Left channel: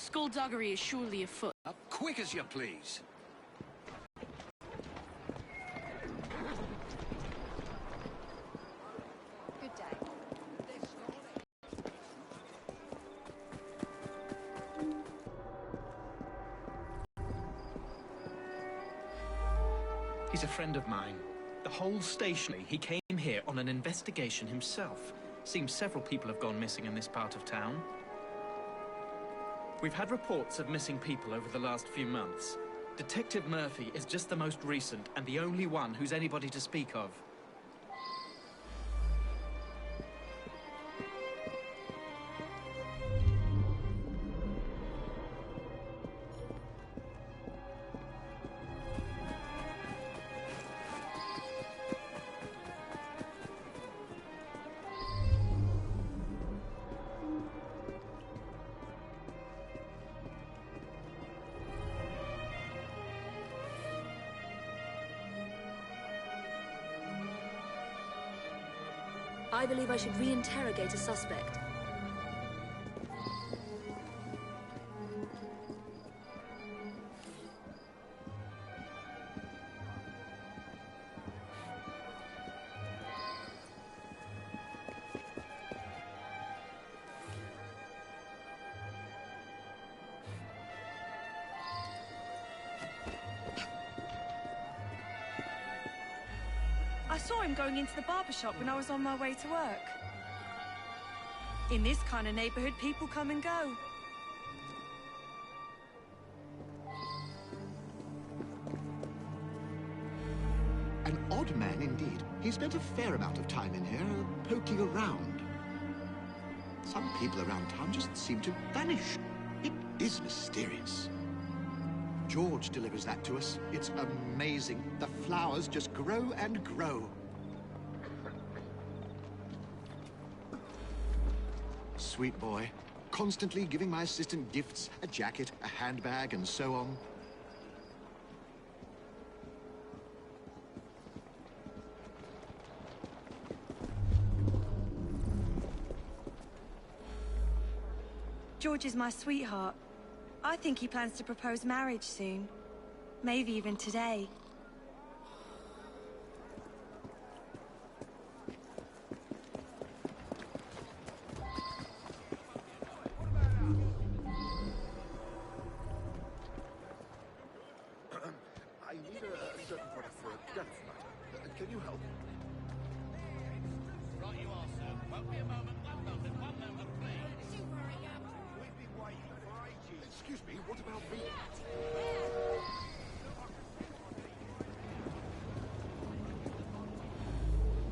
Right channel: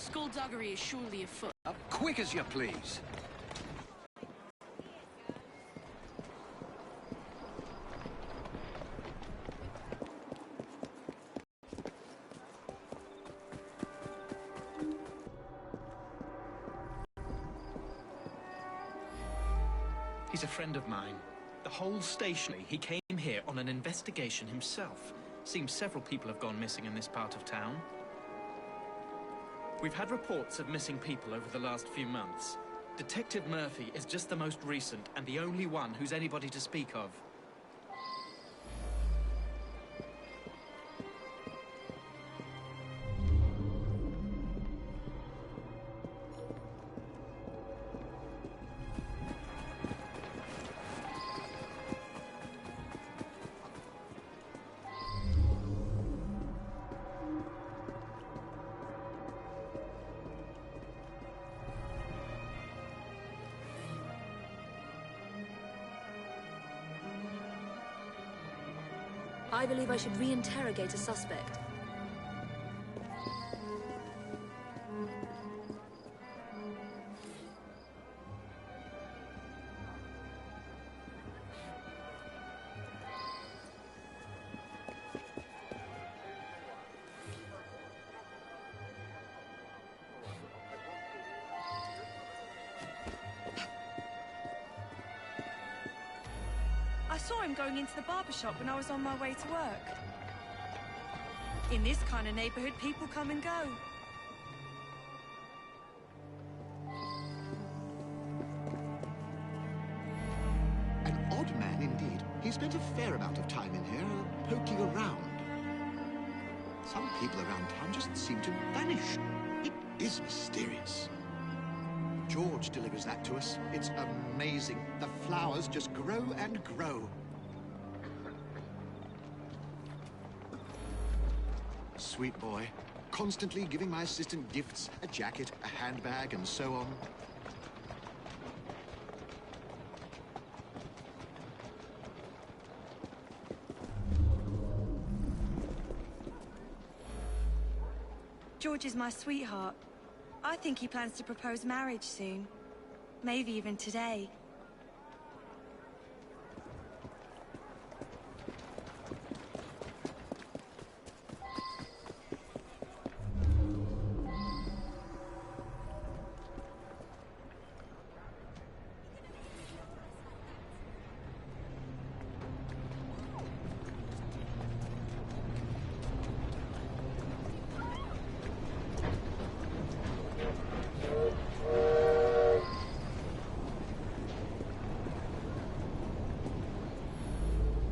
Skullduggery is surely afoot. Up quick as you please. Good day. He's a friend of mine. The whole station, he came here on an investigation himself. Seems several people have gone missing in this part of town. We've had reports of missing people over the last few months. Detective Murphy is just the most recent and the only one who's anybody to speak of. I believe I should re-interrogate a suspect. I saw him going into the barber shop when I was on my way to work. In this kind of neighborhood, people come and go. An odd man indeed. He spent a fair amount of time in here, poking around. Some people around town just seem to vanish. It is mysterious. George delivers that to us. It's amazing. The flowers just grow and grow. Sweet boy. Constantly giving my assistant gifts, a jacket, a handbag, and so on. George is my sweetheart. I think he plans to propose marriage soon. Maybe even today.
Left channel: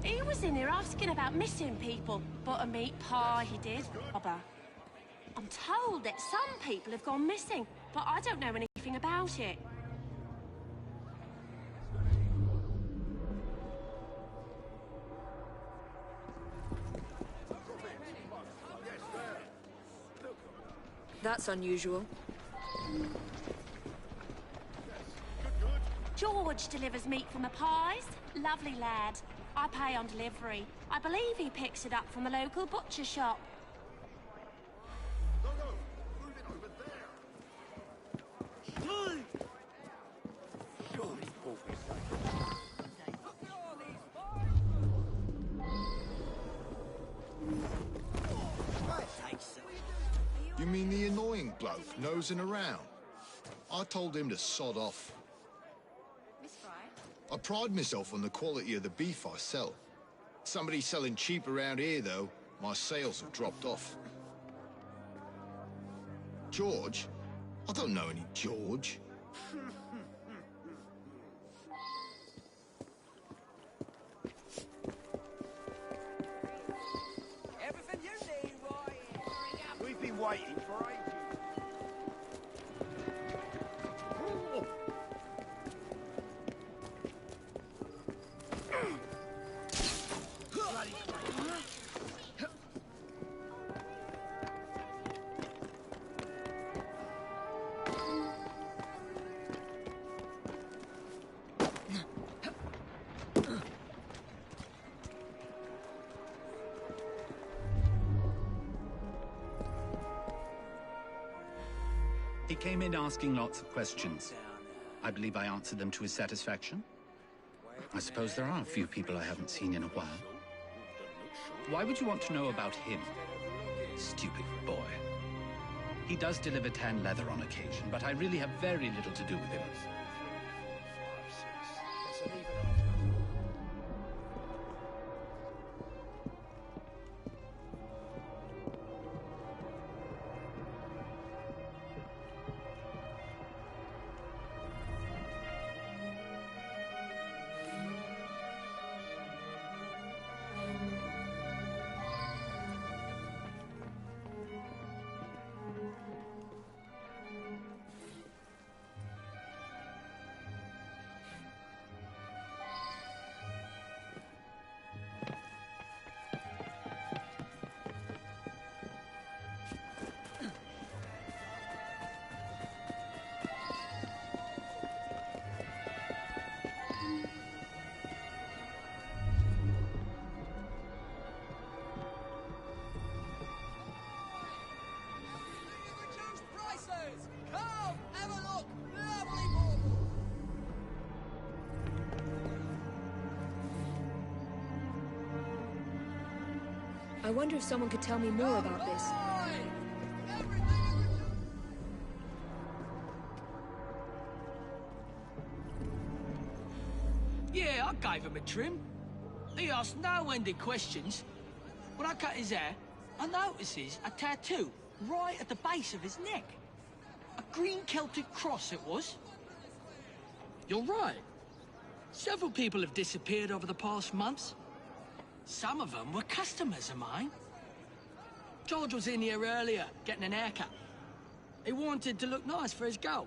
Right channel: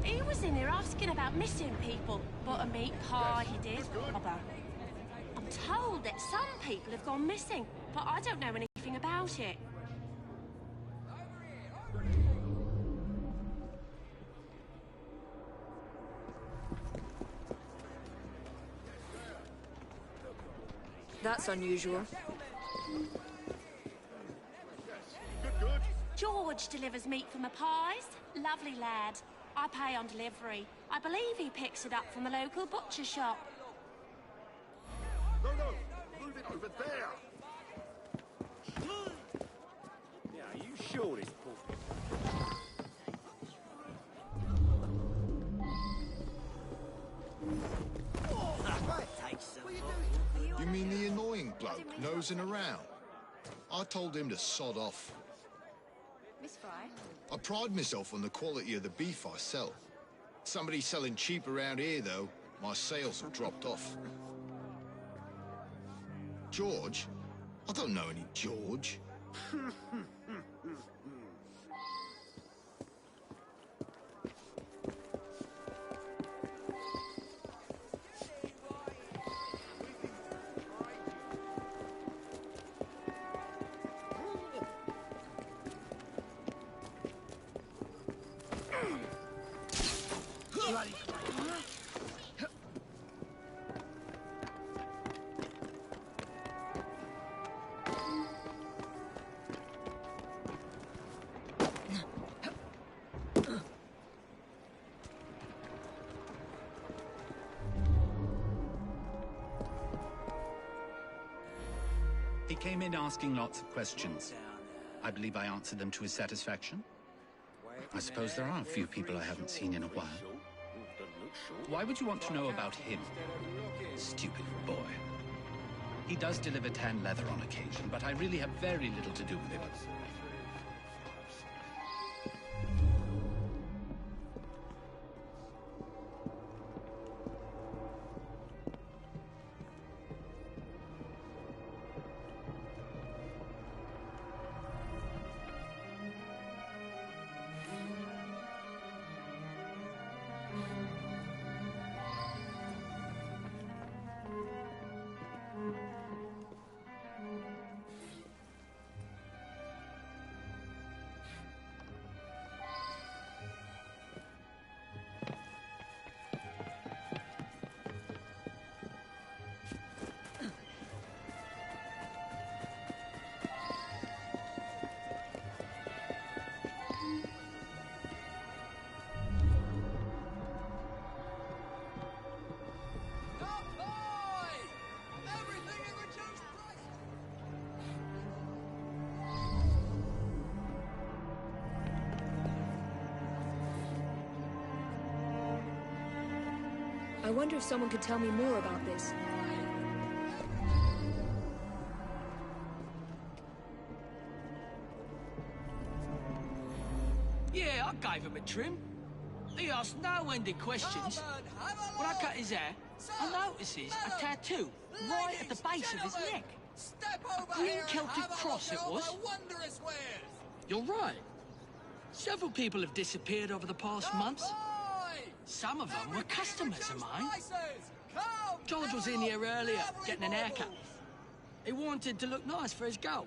He was in here asking about missing people. Bought a meat pie, he did. Robber. I'm told that some people have gone missing, but I don't know anything about it. That's unusual. George delivers meat for my pies. Lovely lad. I pay on delivery. I believe he picks it up from the local butcher shop. No, move it over there. Yeah, are you sure this pork is You mean the annoying bloke nosing around? I told him to sod off. Miss Fry? I pride myself on the quality of the beef I sell. Somebody selling cheap around here, though, my sales have dropped off. George? I don't know any George. everything you need, boy? We've been waiting for ages. Bloody He came in asking lots of questions. I believe I answered them to his satisfaction. I suppose there are a few people I haven't seen in a while. Why would you want to know about him? Stupid boy. He does deliver tan leather on occasion, but I really have very little to do with him. I wonder if someone could tell me more about this. Yeah, I gave him a trim. He asked no-ending questions. When I cut his hair, I notices a tattoo right at the base of his neck. A green Celtic cross it was. You're right. Several people have disappeared over the past months. Some of them were customers of mine. George was in here earlier, getting an haircut. He wanted to look nice for his girl.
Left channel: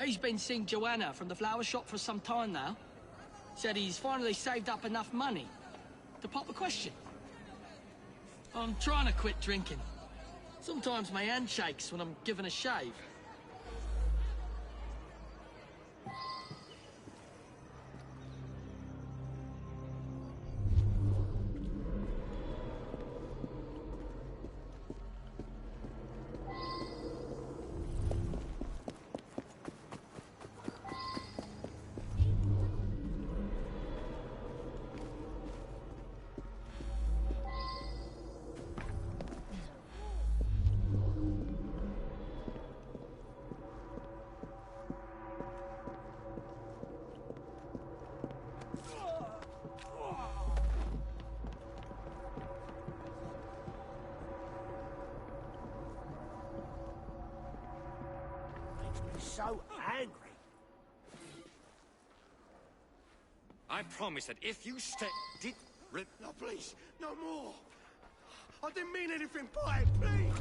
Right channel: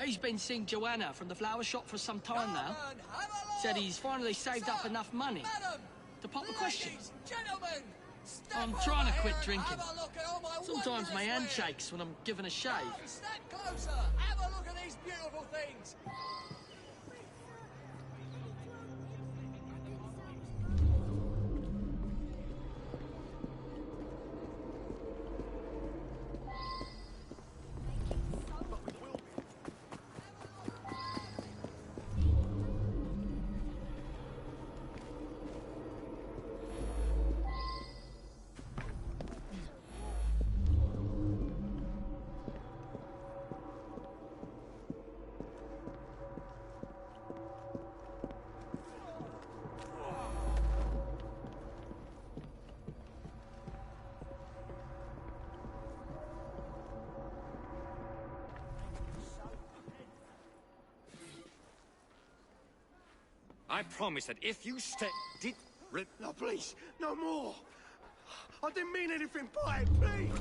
He's been seeing Joanna from the flower shop for some time now. Said he's finally saved up enough money to pop a question. I'm trying to quit drinking. Sometimes my hand shakes when I'm given a shave. So angry. I promise that if you did... No, please, no more. I didn't mean anything by it, please.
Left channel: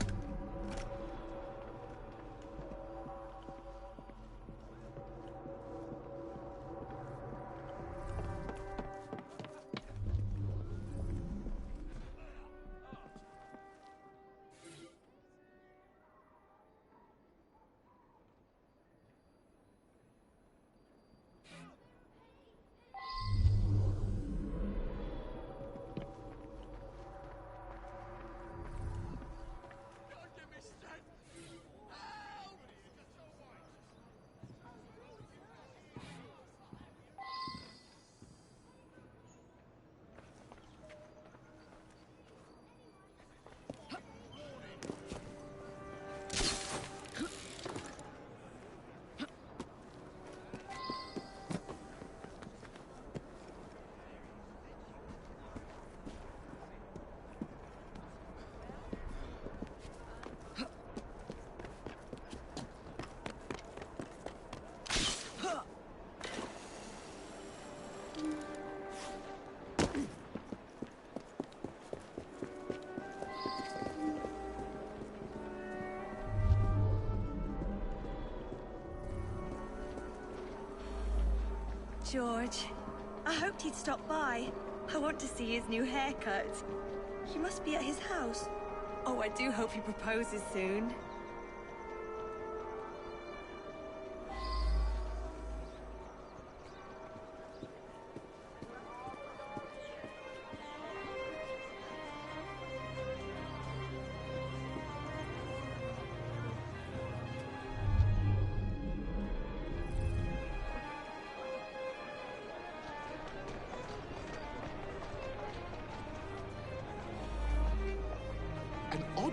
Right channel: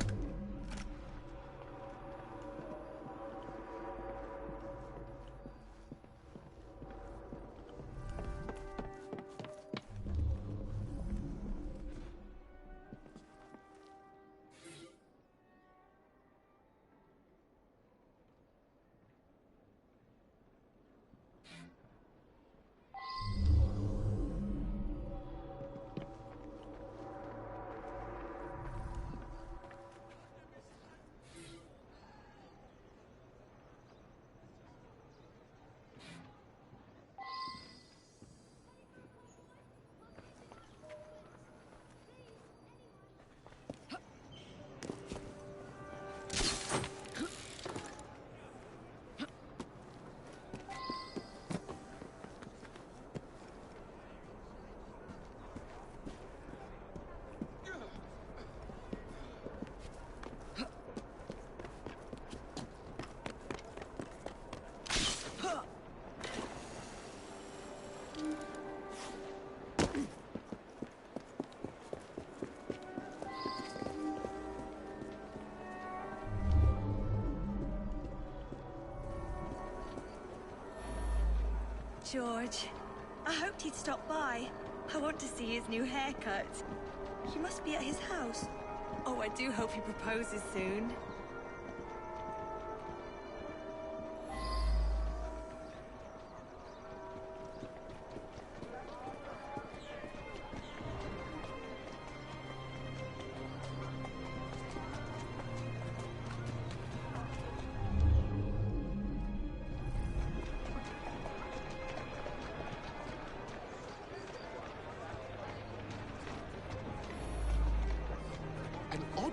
George, I hoped he'd stop by. I want to see his new haircut. He must be at his house. Oh, I do hope he proposes soon.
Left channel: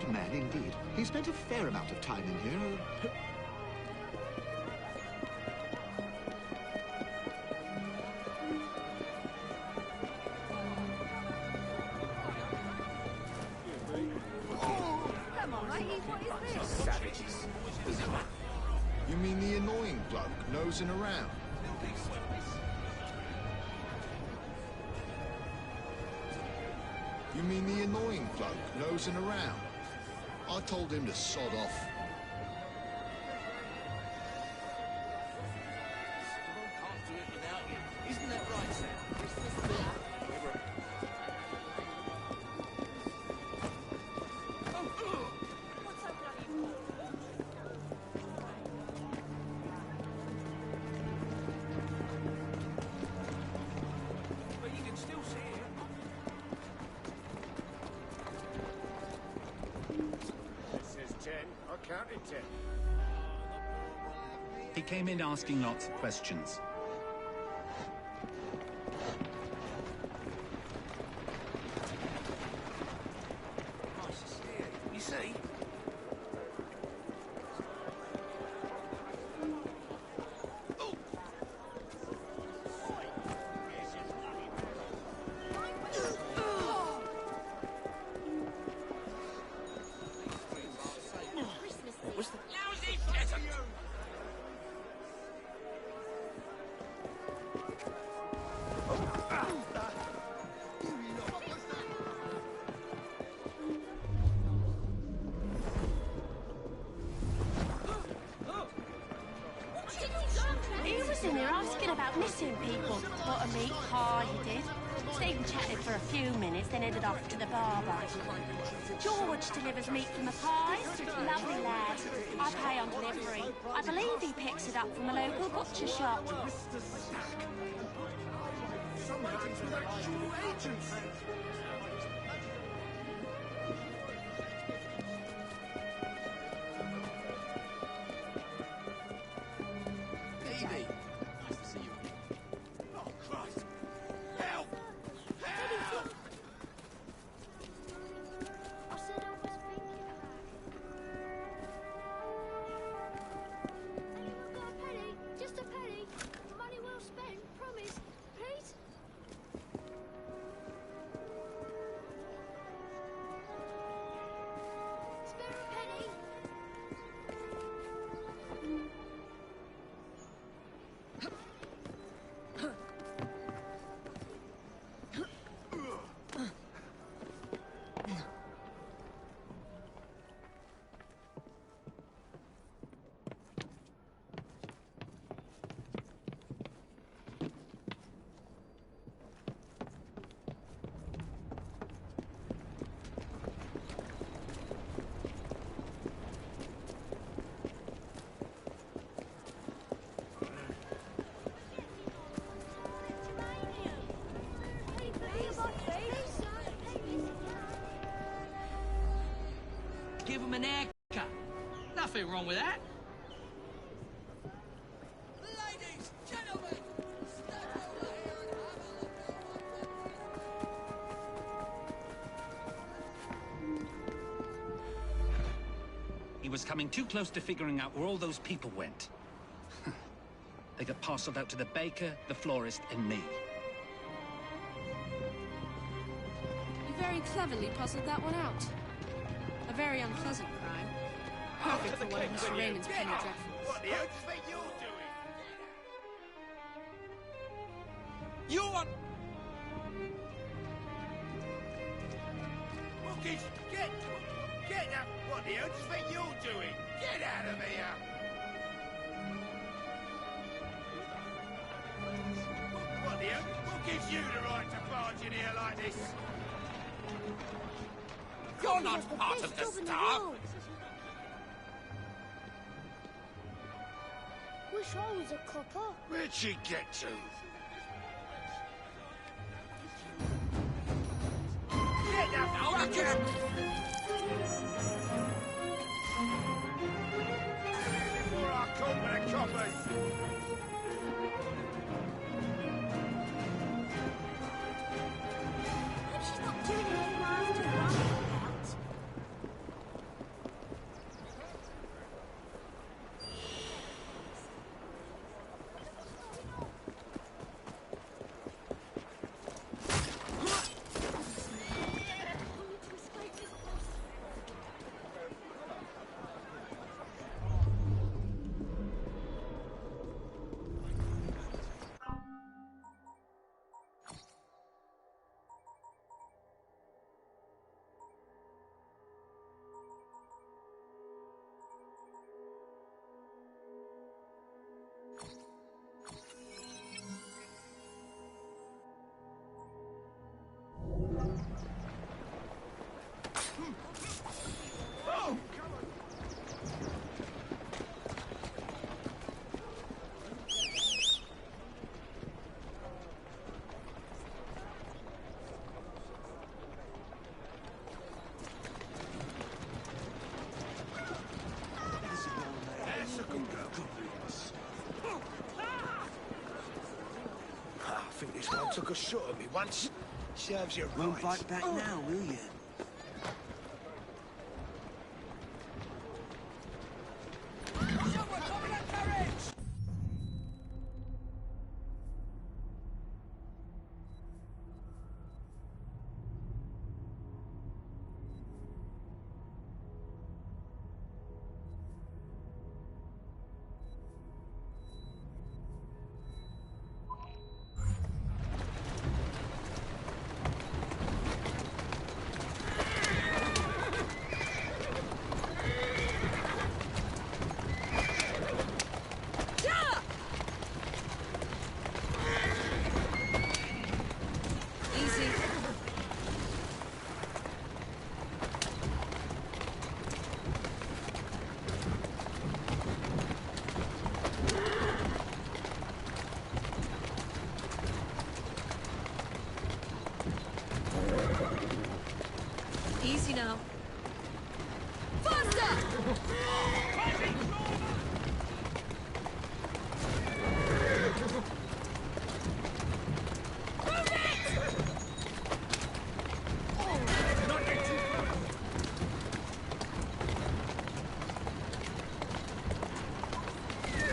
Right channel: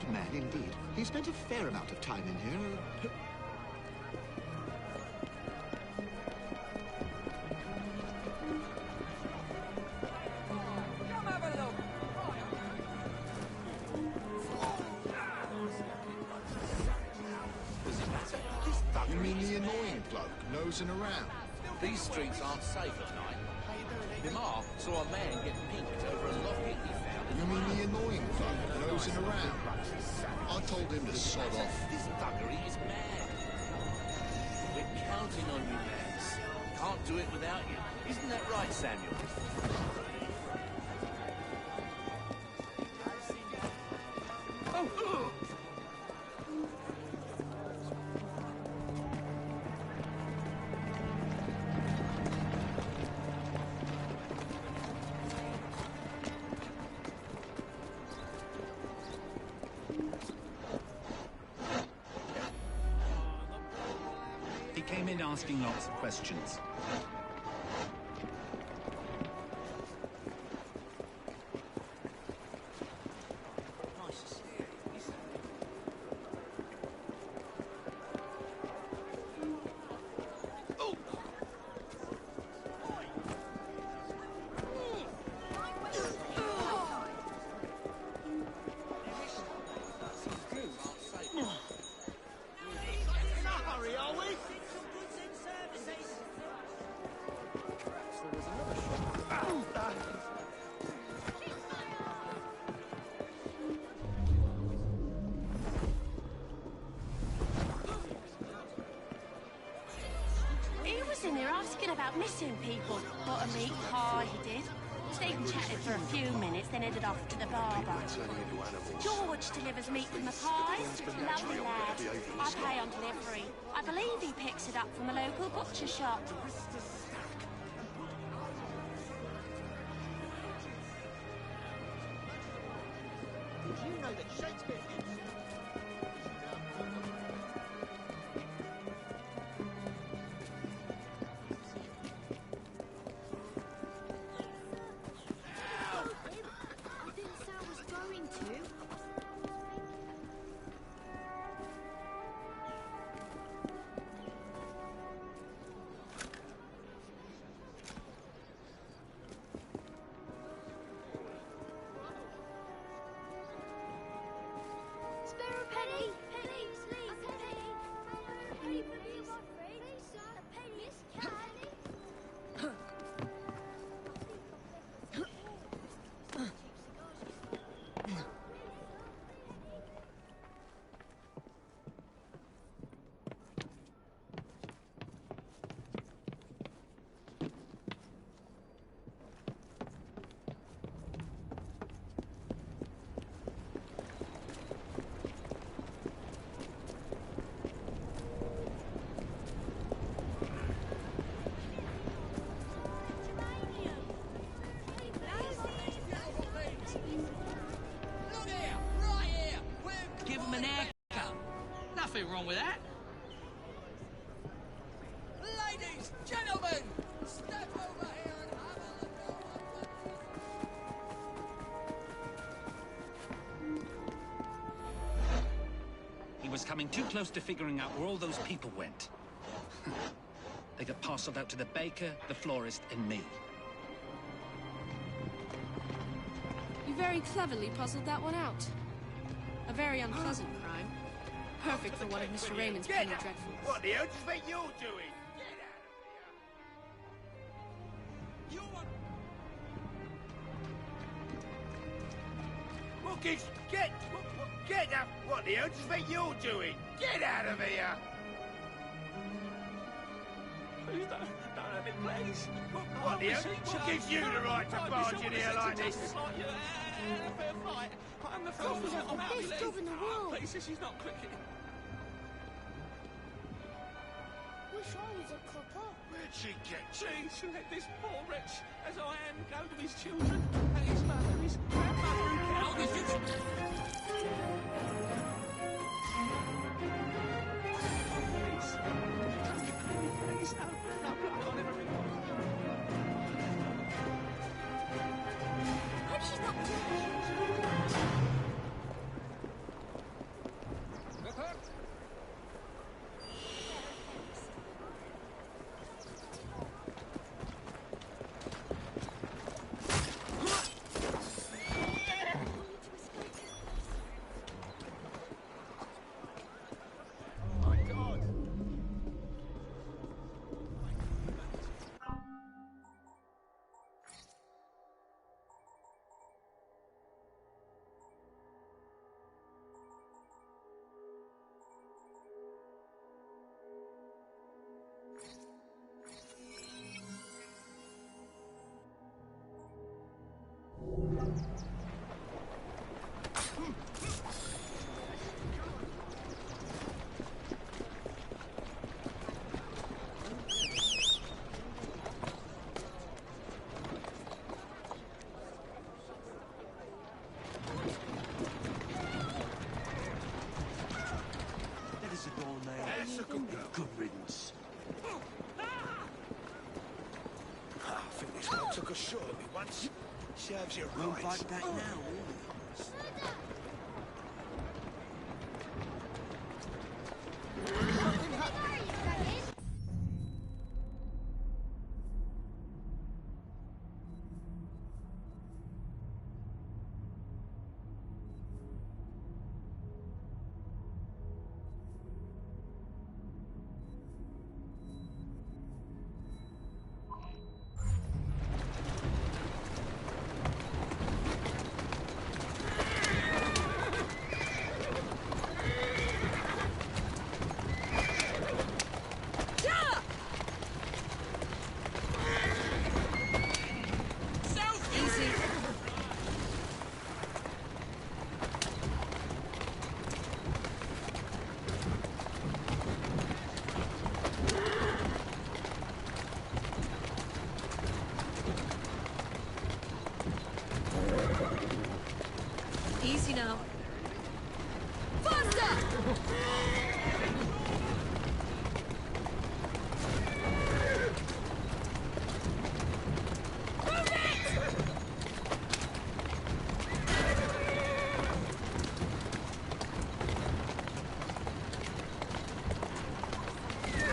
odd man indeed. He spent a fair amount of time in here. You mean the annoying bloke nosing around? These streets aren't safe tonight. Mark saw a man getting You mean the annoying bloke nosing around? I told him to sod off. Can't do it without you. Isn't that right, Sam? He came in asking lots of questions. Nice to see you. You see? He was in here asking about missing people. Bought a meat pie, he did. Stayed and chatted for a few minutes, then headed off to the barber. George delivers meat from the pies. Lovely lad. I pay on delivery. I believe he picks it up from a local butcher shop. Give him an haircut. Nothing wrong with that. Ladies, gentlemen, step over here and have a look. He was coming too close to figuring out where all those people went. They got parceled out to the baker, the florist, and me. You very cleverly puzzled that one out. A very unpleasant crime. Perfect for one of Mr. Raymond's penny dreadfuls. What the hell do you think you're doing? You're... Well, get out! What the hell do you think you're doing? Get out of here! What the hell? What gives you the right to barge in here like this? You're not part of this job. Wish I was a copper. Where'd she get to? This poor wretch, as I am, go with his children and his mother. Get out! I'll get him! Hope she's not doing anything after that. Good riddance. I think this one took a shot at me once. Serves you right. Won't bite back now, will you? Easy now. Faster!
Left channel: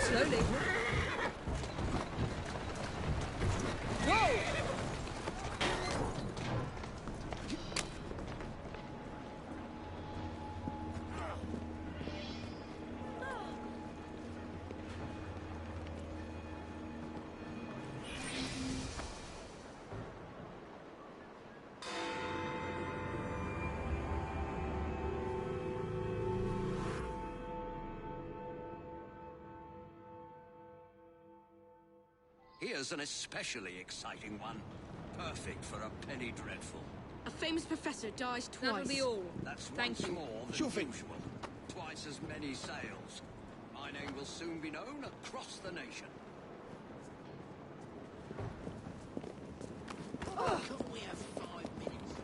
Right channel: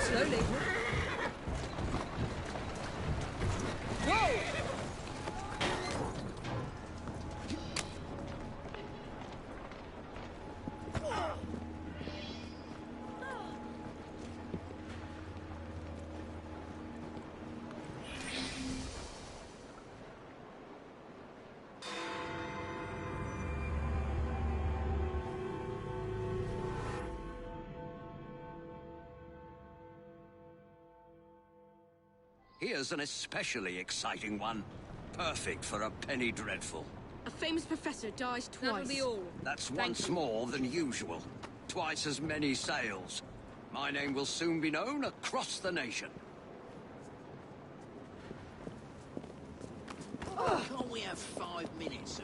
Slowly. Whoa! Here's an especially exciting one. Perfect for a penny dreadful. A famous professor dies twice. That'll be all. That's Thank once you. more than usual. Twice as many sales. My name will soon be known across the nation. Can't we have 5 minutes?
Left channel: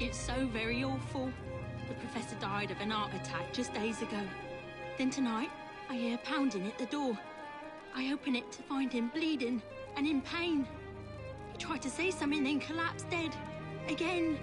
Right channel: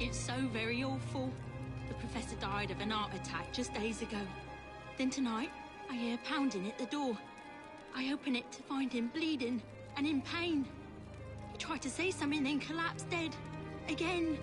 It's so very awful. The professor died of an heart attack just days ago. Then tonight, I hear pounding at the door. I open it to find him bleeding and in pain. He tried to say something, then collapsed dead. Again.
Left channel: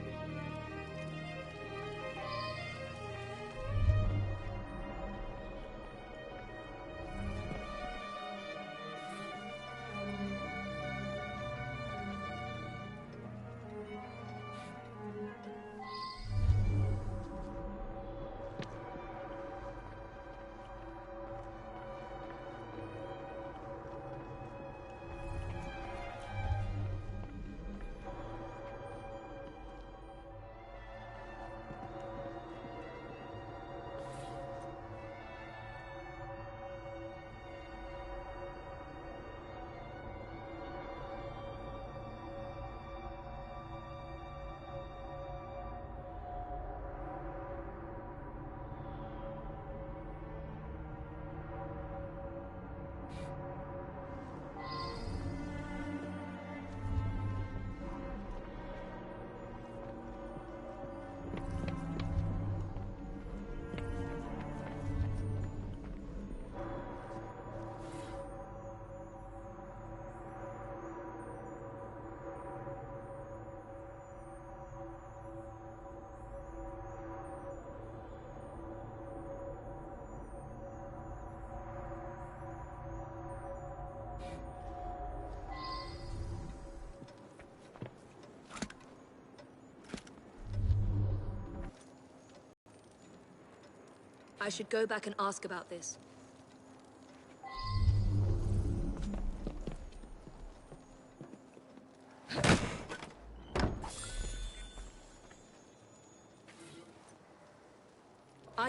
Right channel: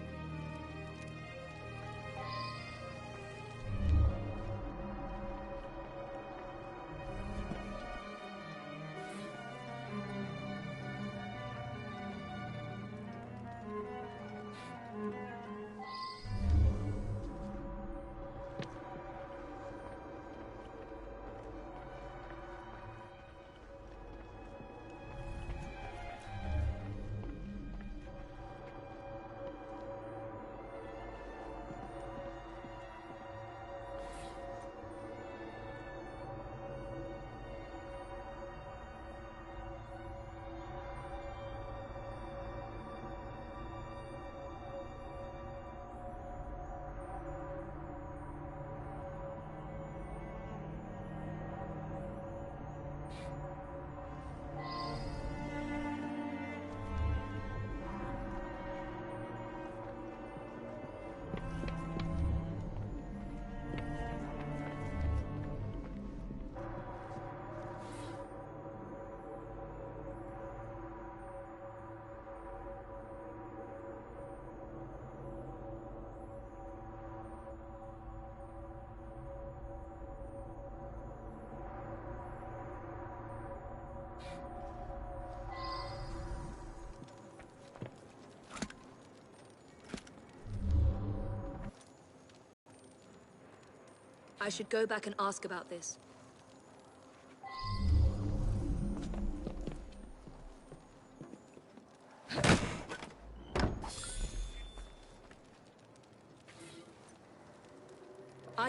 I should go back and ask about this.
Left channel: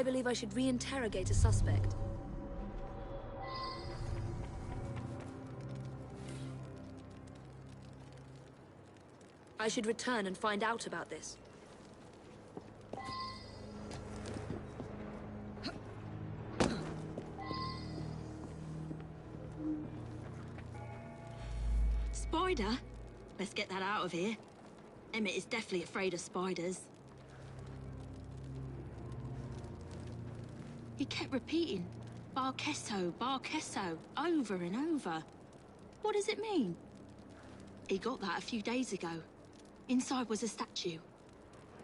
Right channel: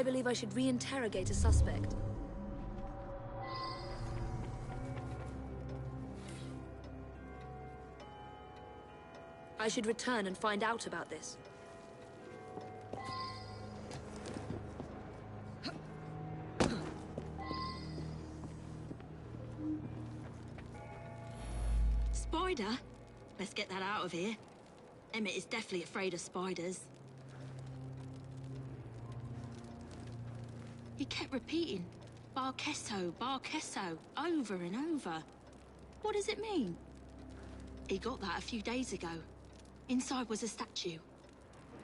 I believe I should reinterrogate a suspect. I should return and find out about this. Spider? Let's get that out of here. Emmett is definitely afraid of spiders. He kept repeating, Bar Queso, over and over. What does it mean? He got that a few days ago. Inside was a statue.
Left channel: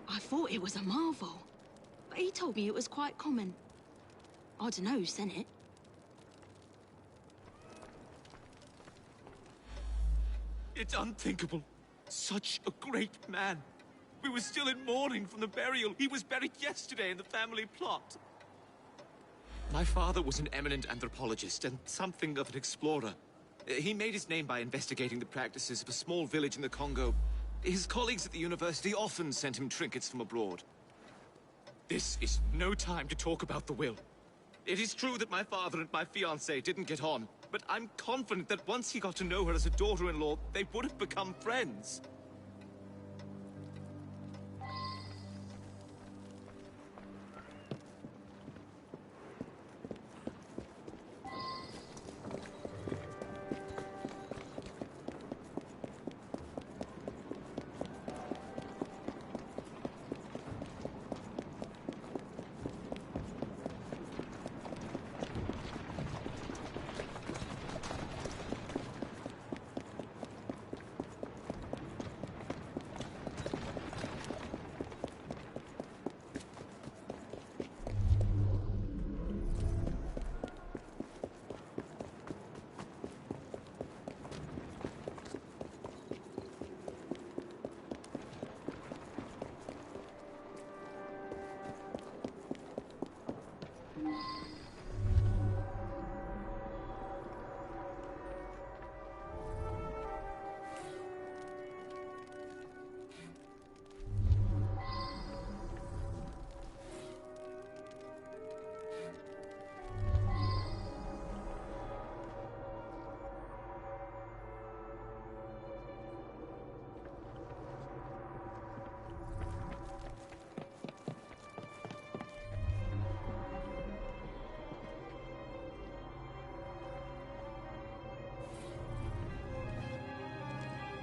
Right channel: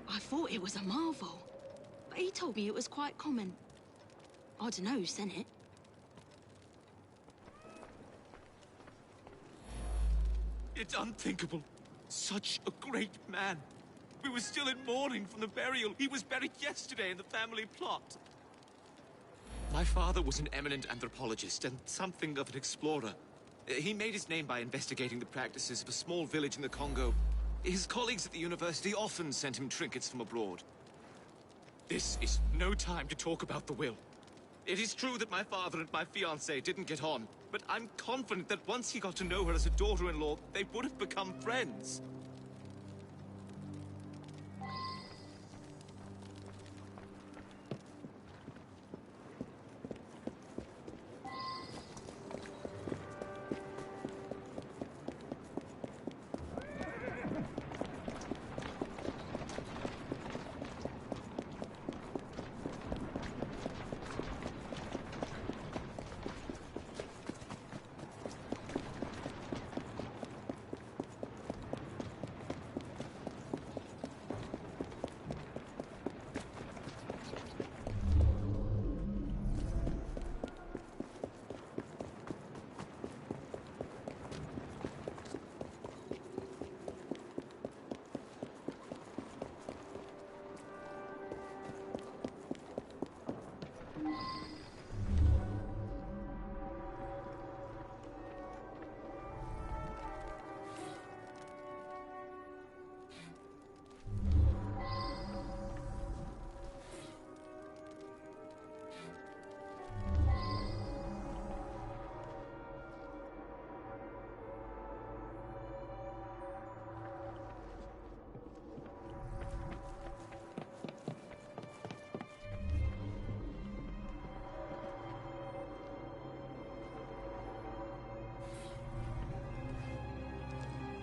I thought it was a marvel, but he told me it was quite common. I don't know who sent it. It's unthinkable. Such a great man. We were still in mourning from the burial. He was buried yesterday in the family plot. My father was an eminent anthropologist and something of an explorer. He made his name by investigating the practices of a small village in the Congo. His colleagues at the university often sent him trinkets from abroad. This is no time to talk about the will. It is true that my father and my fiancée didn't get on, but I'm confident that once he got to know her as a daughter-in-law, they would have become friends.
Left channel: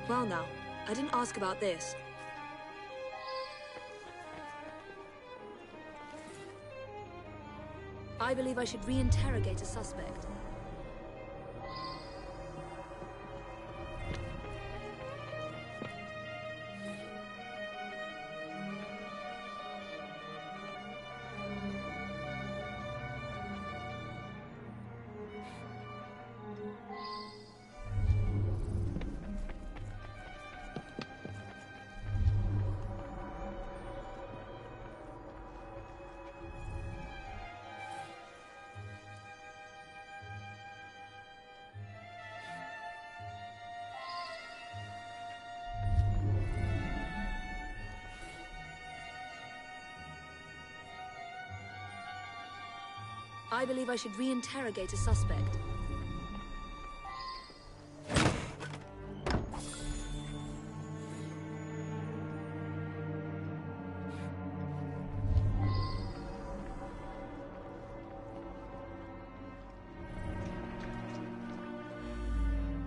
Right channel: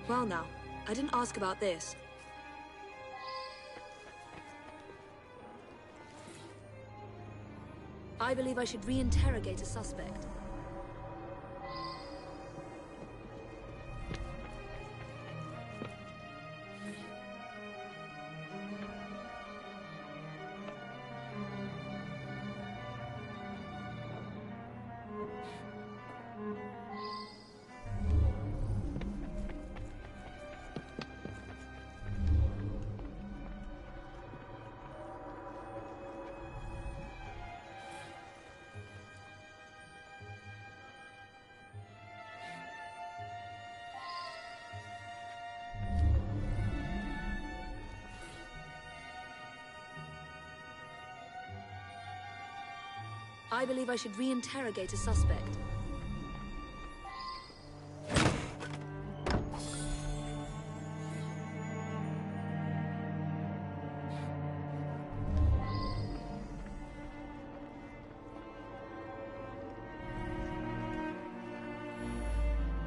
Well now, I didn't ask about this. I believe I should reinterrogate a suspect. I believe I should reinterrogate a suspect.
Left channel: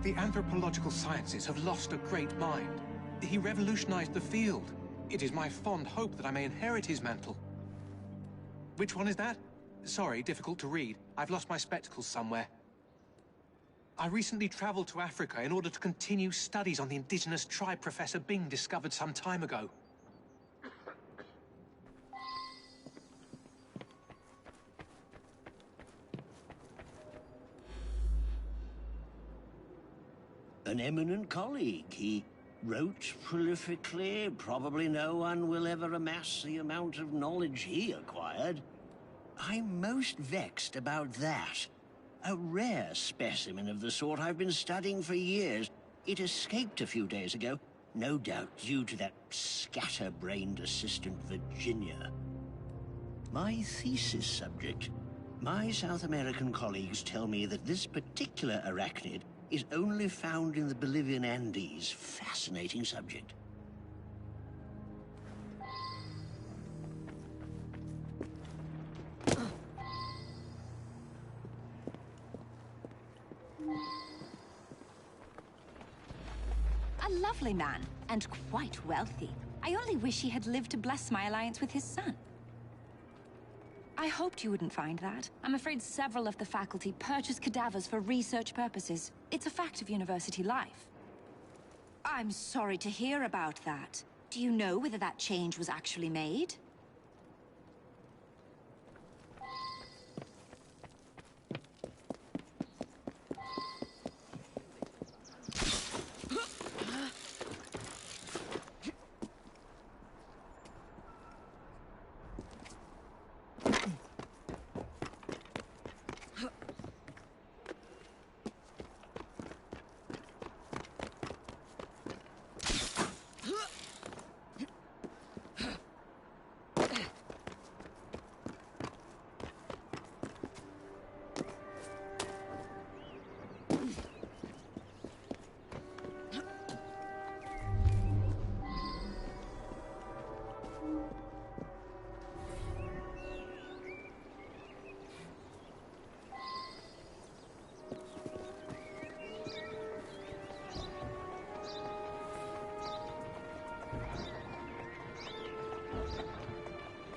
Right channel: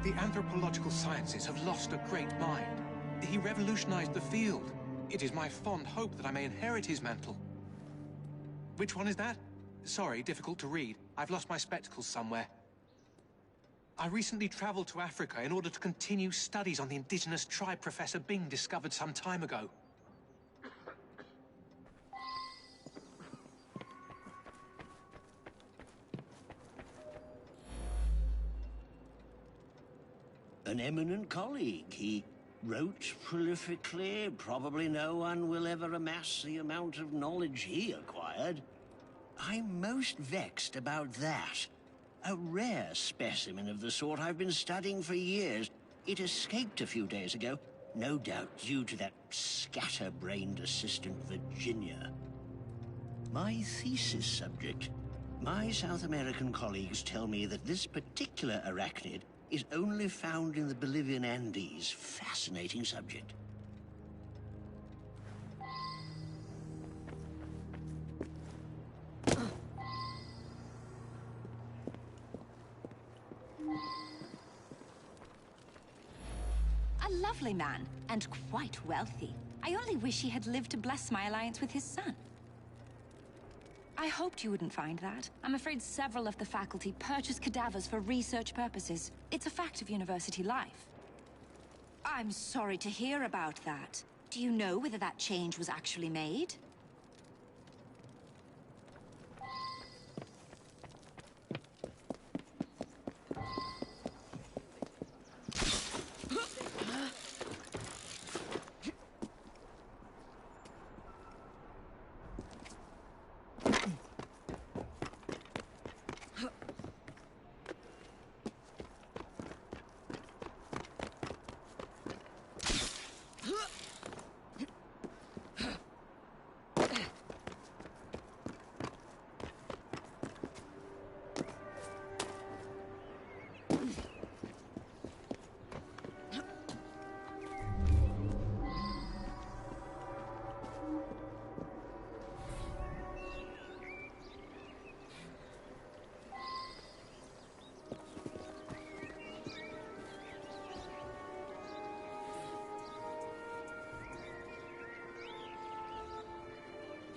The anthropological sciences have lost a great mind. He revolutionized the field. It is my fond hope that I may inherit his mantle. Which one is that? Sorry, difficult to read. I've lost my spectacles somewhere. I recently traveled to Africa in order to continue studies on the indigenous tribe Professor Bing discovered some time ago. An eminent colleague. He wrote prolifically. Probably no one will ever amass the amount of knowledge he acquired. I'm most vexed about that. A rare specimen of the sort I've been studying for years. It escaped a few days ago, no doubt due to that scatterbrained assistant Virginia. My thesis subject. My South American colleagues tell me that this particular arachnid is only found in the Bolivian Andes. Fascinating subject. A lovely man, and quite wealthy. I only wish he had lived to bless my alliance with his son. I hoped you wouldn't find that. I'm afraid several of the faculty purchase cadavers for research purposes. It's a fact of university life. I'm sorry to hear about that. Do you know whether that change was actually made?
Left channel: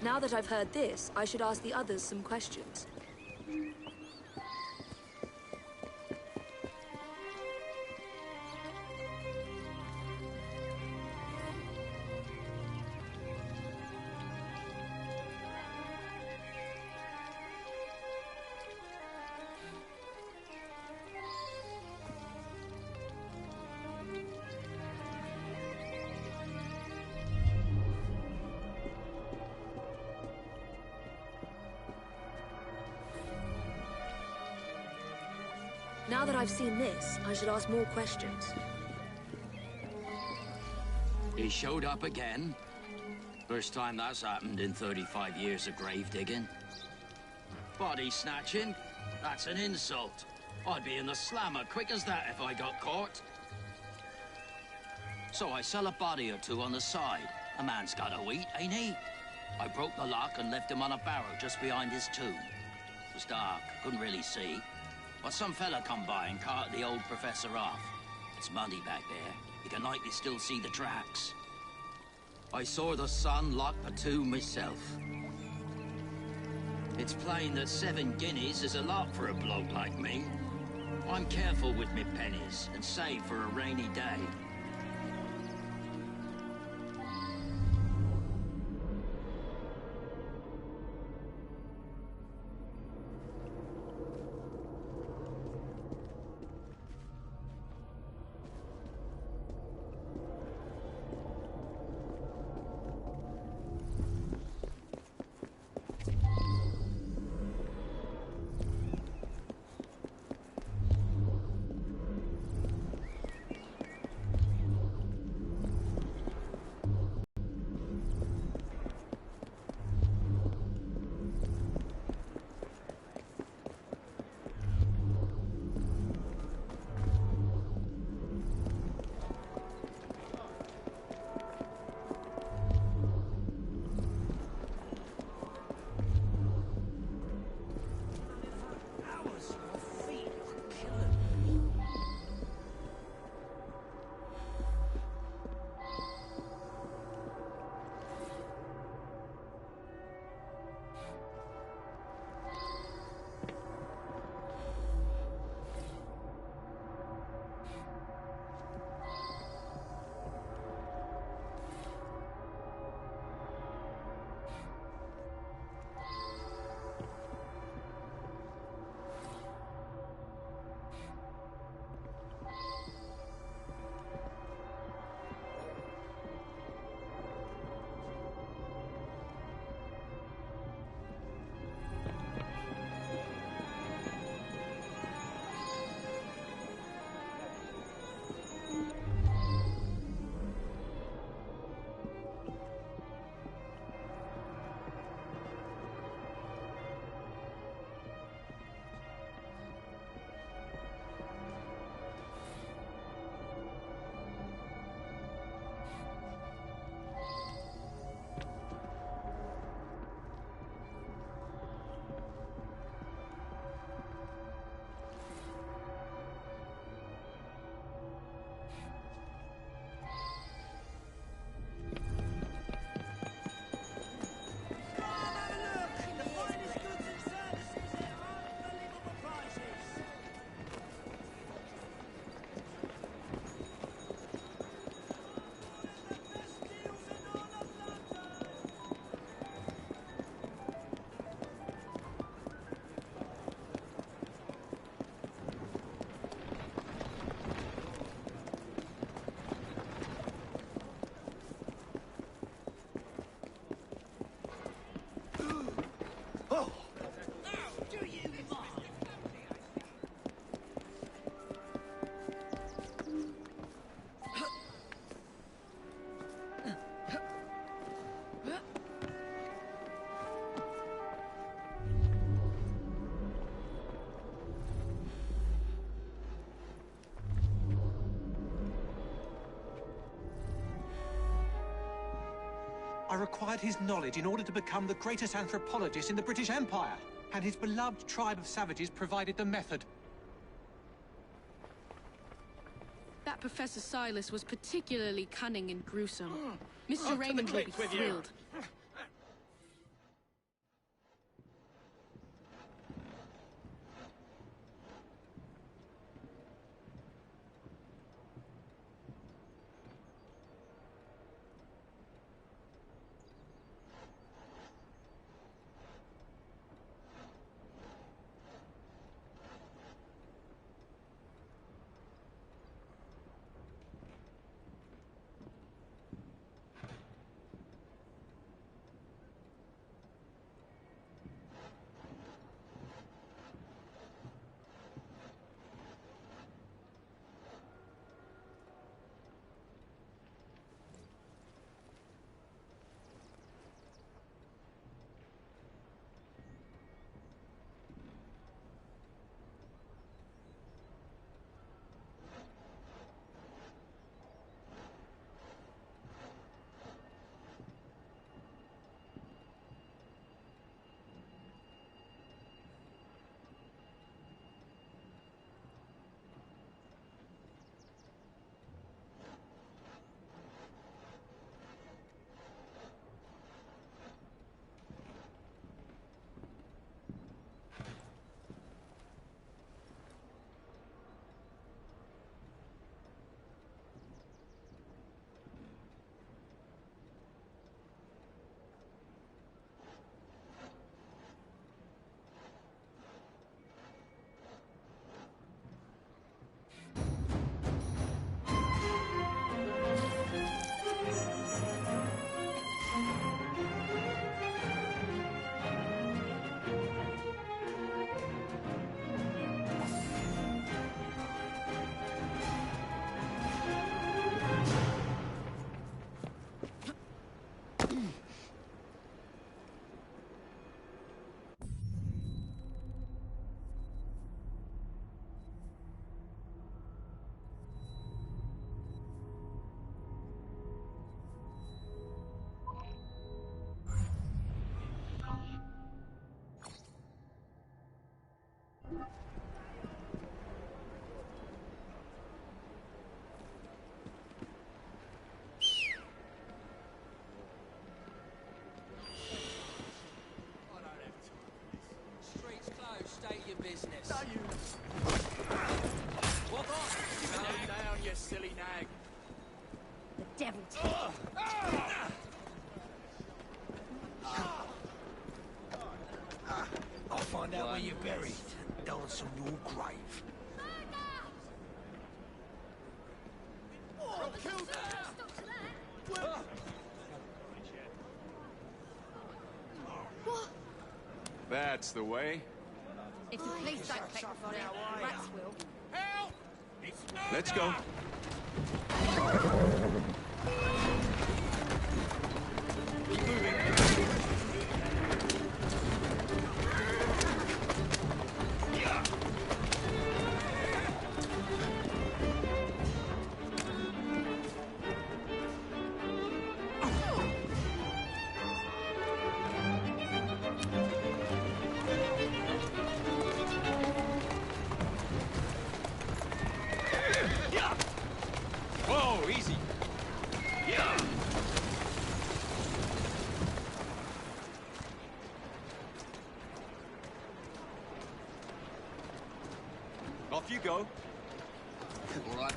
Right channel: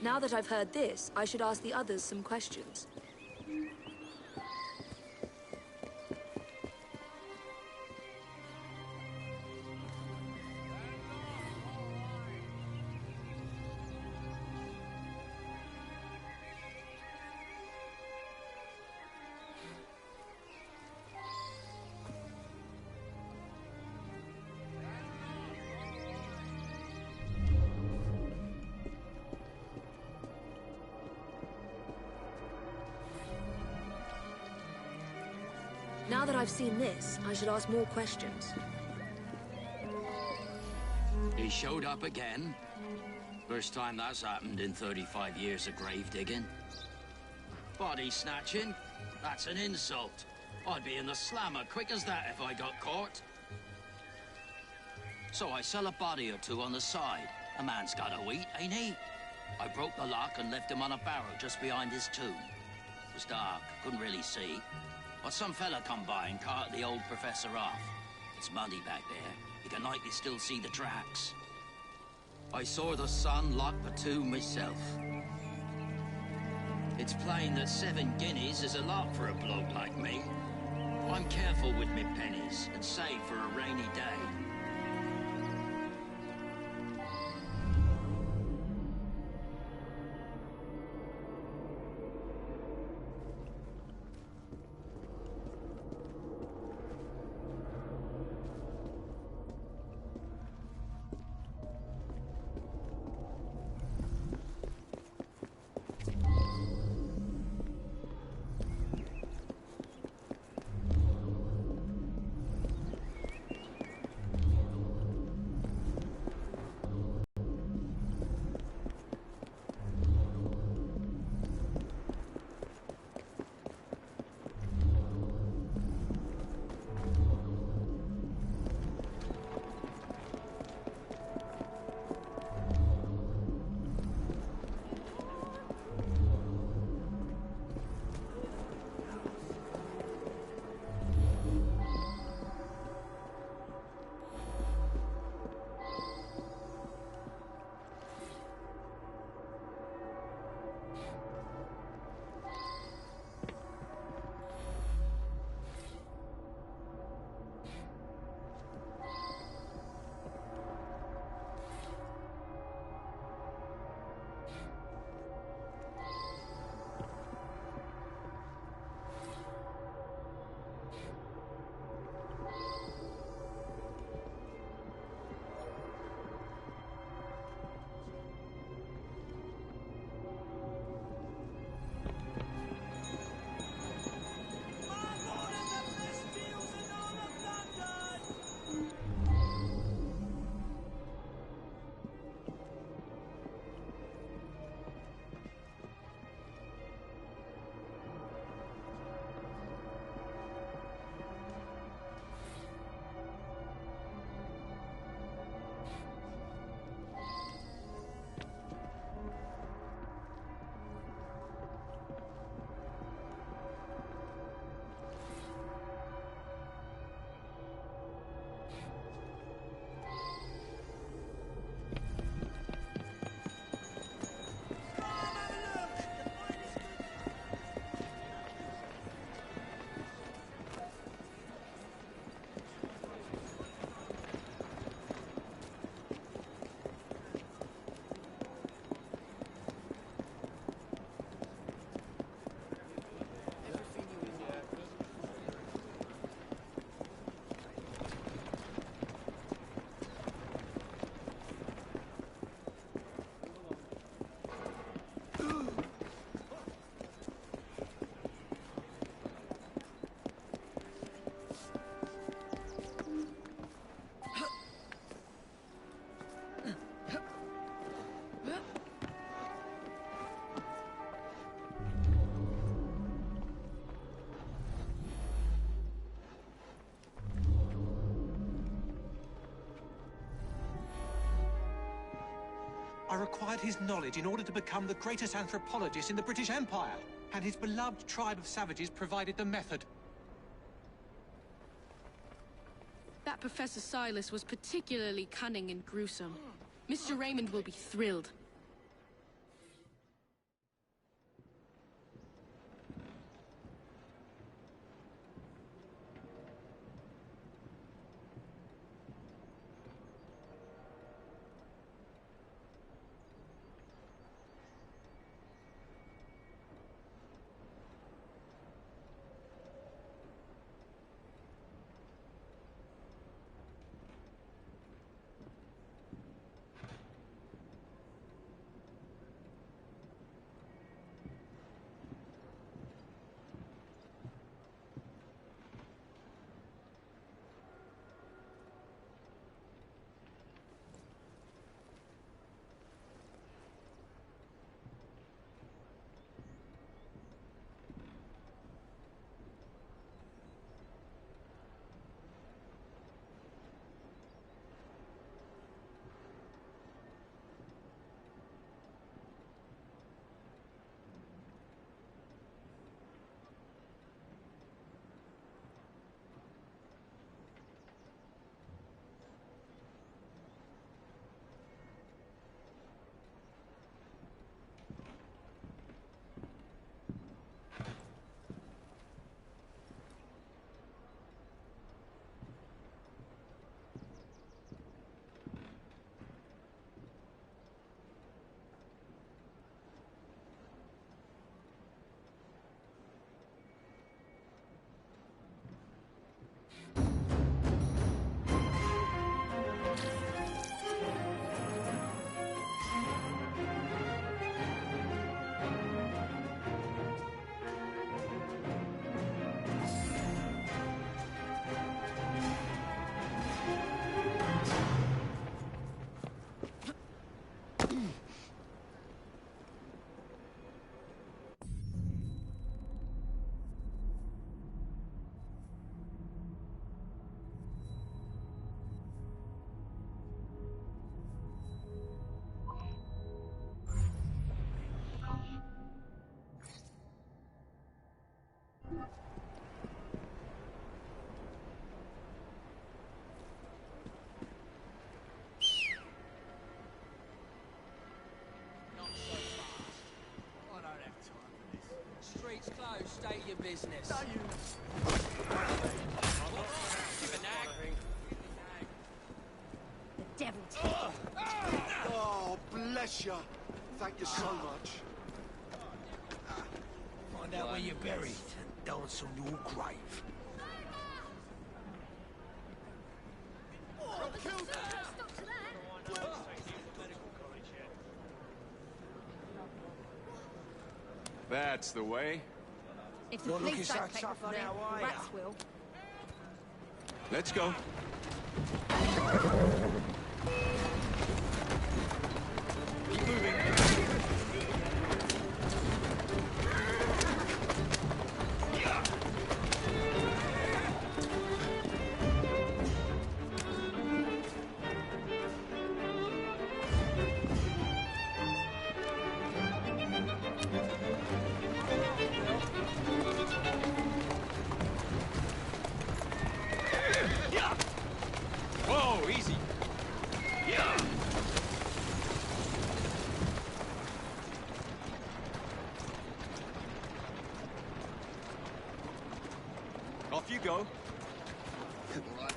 Now that I've heard this, I should ask the others some questions. Now that I've seen this, I should ask more questions. He showed up again. First time that's happened in 35 years of grave digging. Body snatching? That's an insult. I'd be in the slammer quick as that if I got caught. So I sell a body or two on the side. A man's gotta eat, ain't he? I broke the lock and left him on a barrow just behind his tomb. It was dark, couldn't really see. But some fella come by and carted the old professor off. It's muddy back there. You can likely still see the tracks. I saw the son lock the tomb myself. It's plain that 7 guineas is a lot for a bloke like me. I'm careful with me pennies and save for a rainy day. required his knowledge in order to become the greatest anthropologist in the British Empire. And his beloved tribe of savages provided the method. That Professor Silas was particularly cunning and gruesome. Mr. Raymond will be thrilled. State your business. No, you. What? Give a nag. Down, you silly nag. The devil. Oh, bless you. Thank you so much. I'll find out where you're buried and dance on your grave. That's the way. If the police don't take the body, the rats will. Let's go. Keep moving. Whoa, easy. Off you go. All right.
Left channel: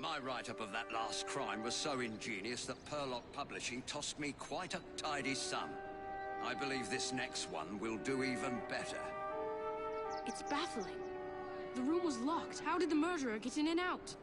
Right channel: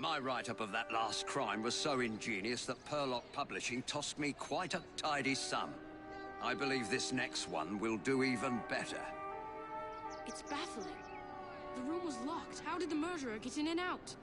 My write-up of that last crime was so ingenious that Purlock Publishing tossed me quite a tidy sum. I believe this next one will do even better. It's baffling. The room was locked. How did the murderer get in and out?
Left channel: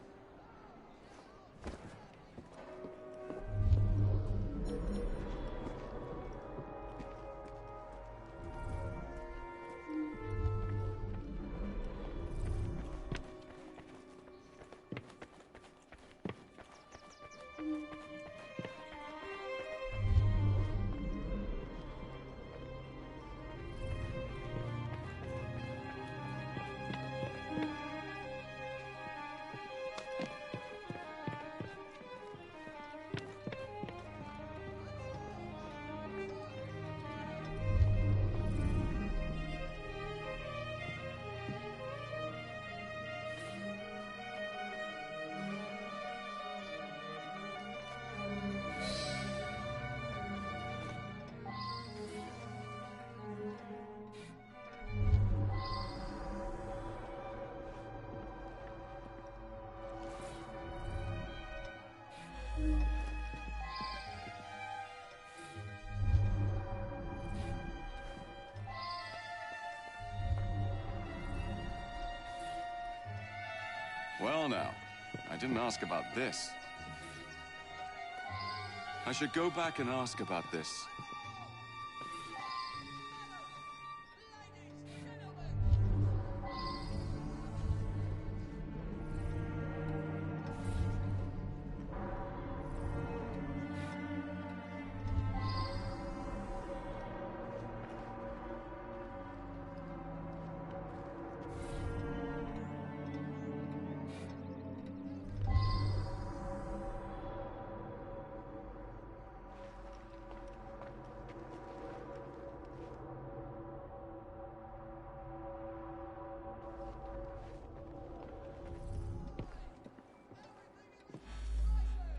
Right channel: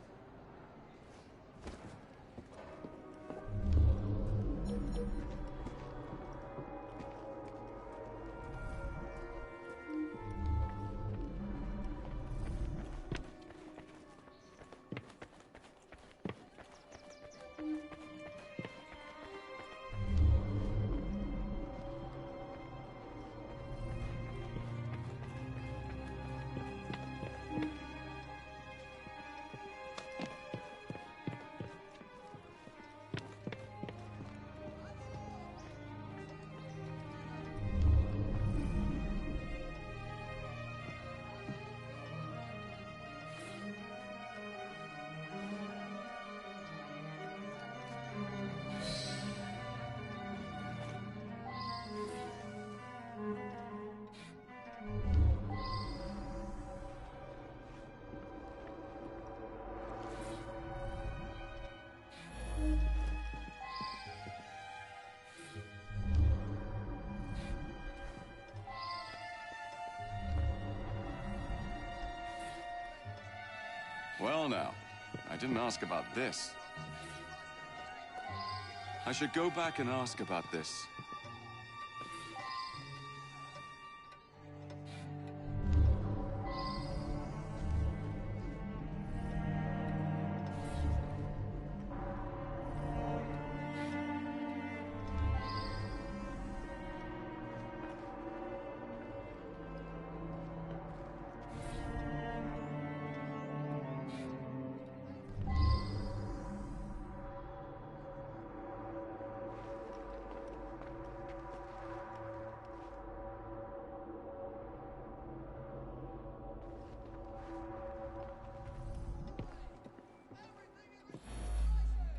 Well now, I didn't ask about this. I should go back and ask about this.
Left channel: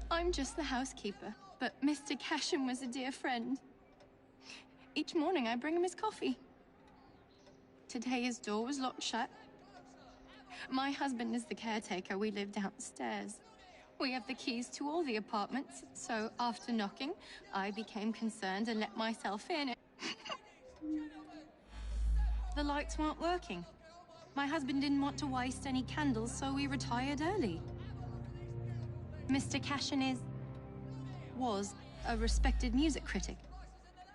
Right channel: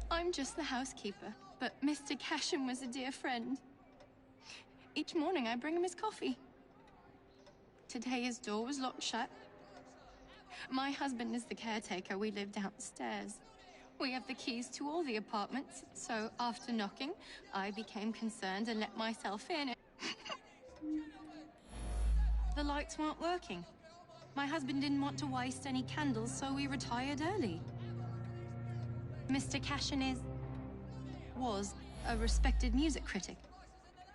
I'm just the housekeeper, but Mr. Cashin was a dear friend. Each morning I bring him his coffee. Today his door was locked shut. My husband is the caretaker. We live downstairs. We have the keys to all the apartments, so after knocking, I became concerned and let myself in. The lights weren't working. My husband didn't want to waste any candles, so we retired early. Mr. Cashin was a respected music critic,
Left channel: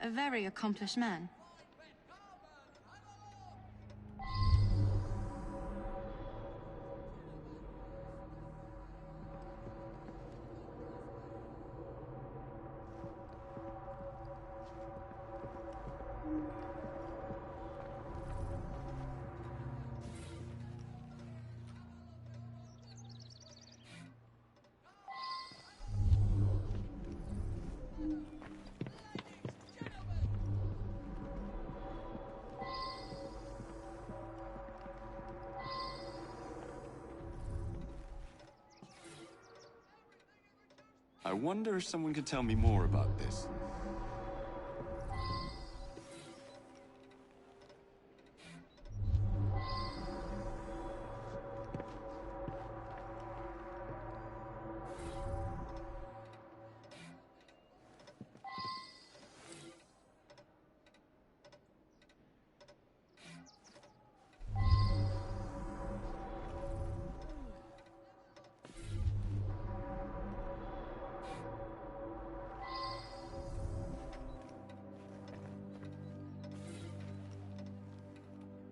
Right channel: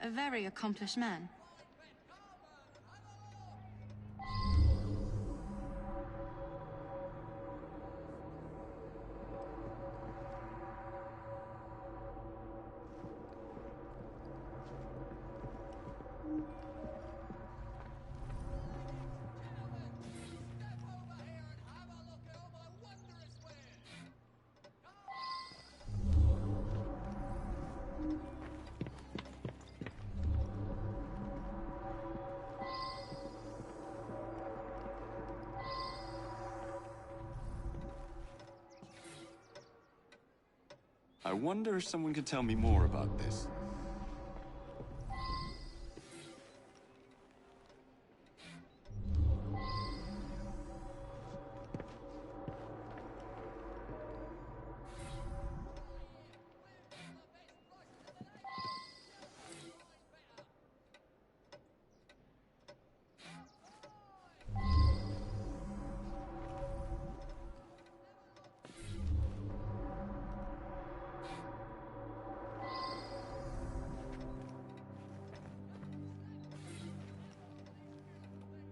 a very accomplished man. I wonder if someone can tell me more about this.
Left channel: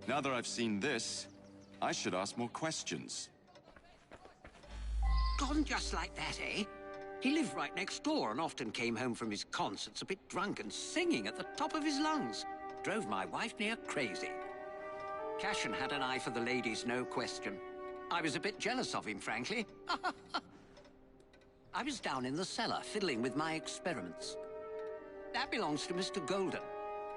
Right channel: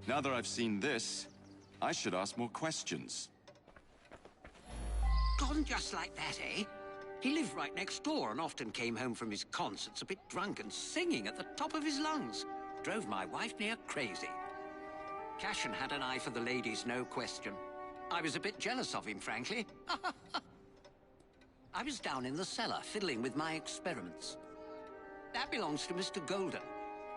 Now that I've seen this, I should ask more questions. Gone just like that, eh? He lived right next door and often came home from his concerts a bit drunk and singing at the top of his lungs. Drove my wife near crazy. Cashin had an eye for the ladies, no question. I was a bit jealous of him, frankly. I was down in the cellar, fiddling with my experiments. That belongs to Mr. Golden.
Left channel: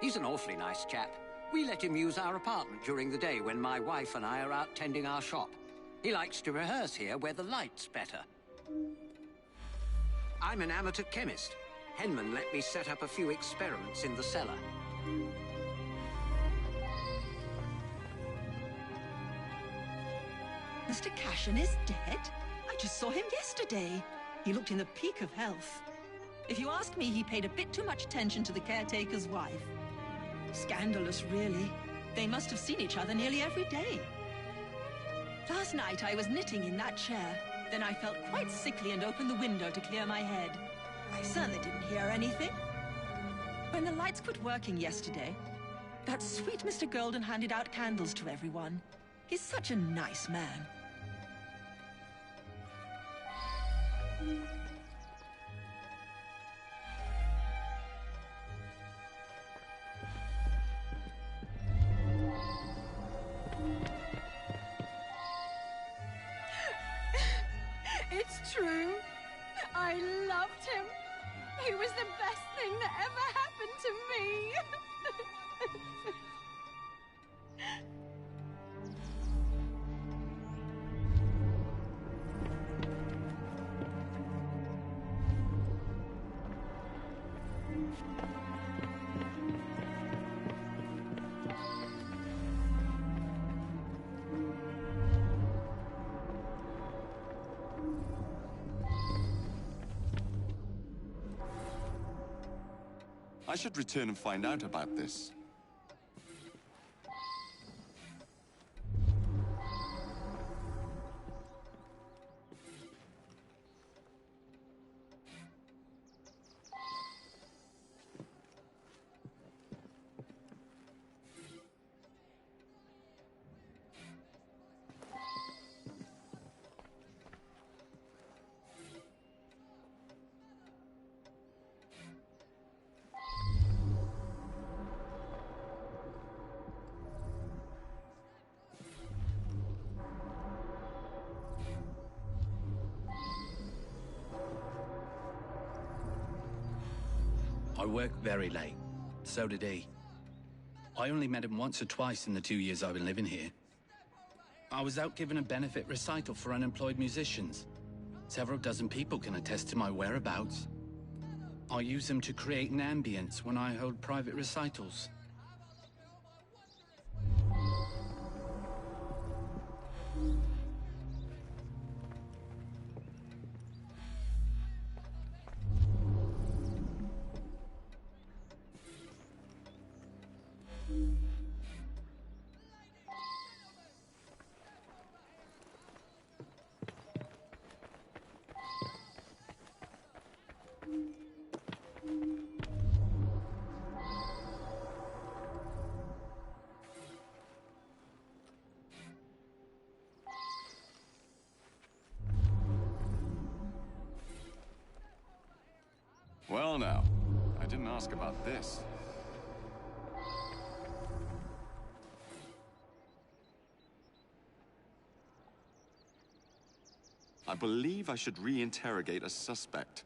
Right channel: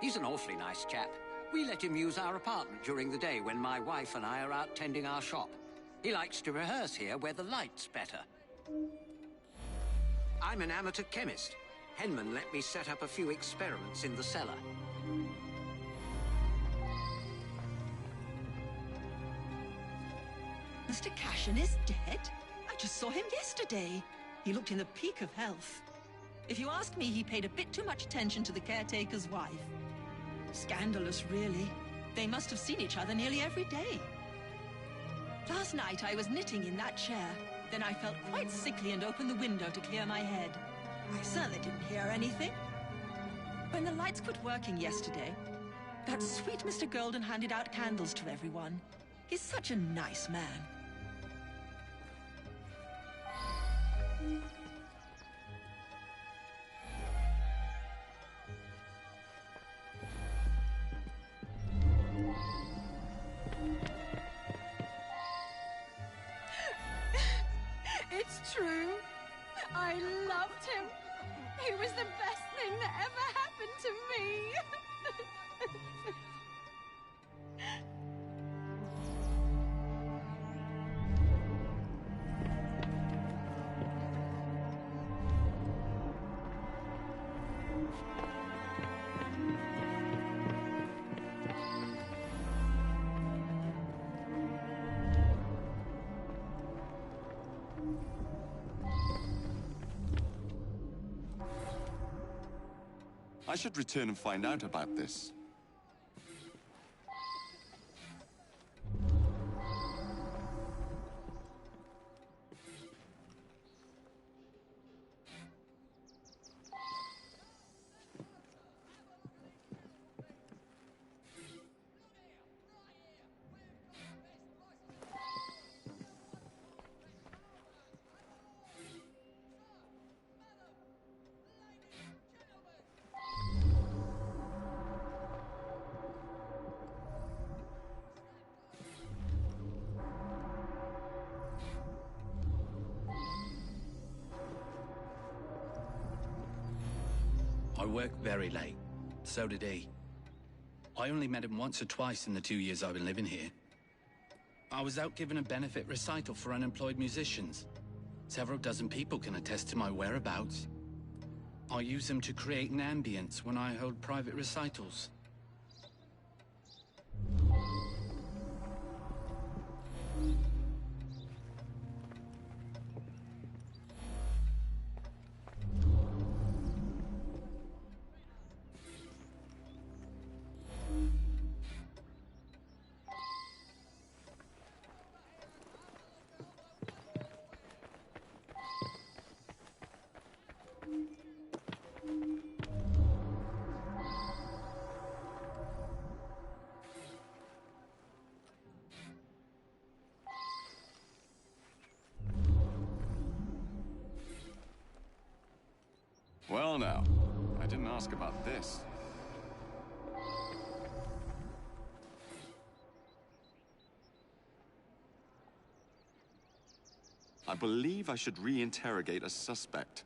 He's an awfully nice chap. We let him use our apartment during the day when my wife and I are out tending our shop. He likes to rehearse here where the light's better. I'm an amateur chemist. Henman let me set up a few experiments in the cellar. Mr. Cashin is dead? I just saw him yesterday. He looked in the peak of health. If you ask me, he paid a bit too much attention to the caretaker's wife. Scandalous, really. They must have seen each other nearly every day. Last night I was knitting in that chair. Then I felt quite sickly and opened the window to clear my head. I certainly didn't hear anything. When the lights quit working yesterday, that sweet Mr. Golden handed out candles to everyone. He's such a nice man. It's true. I loved him. He was the best thing that ever happened to me. I should return and find out about this. I work very late. So did he. I only met him once or twice in the 2 years I've been living here. I was out giving a benefit recital for unemployed musicians. Several dozen people can attest to my whereabouts. I use them to create an ambience when I hold private recitals. Well now, I didn't ask about this. I believe I should re-interrogate a suspect.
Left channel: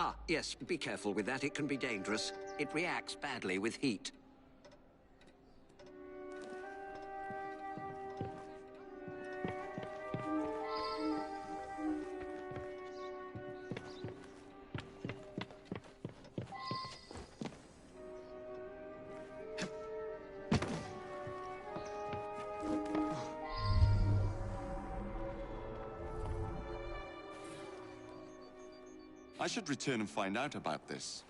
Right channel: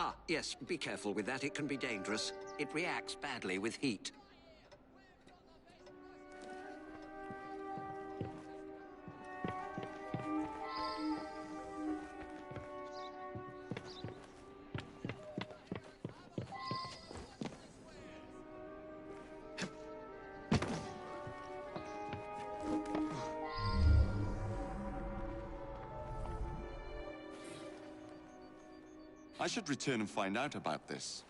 Ah, yes, be careful with that. It can be dangerous. It reacts badly with heat. I should return and find out about this.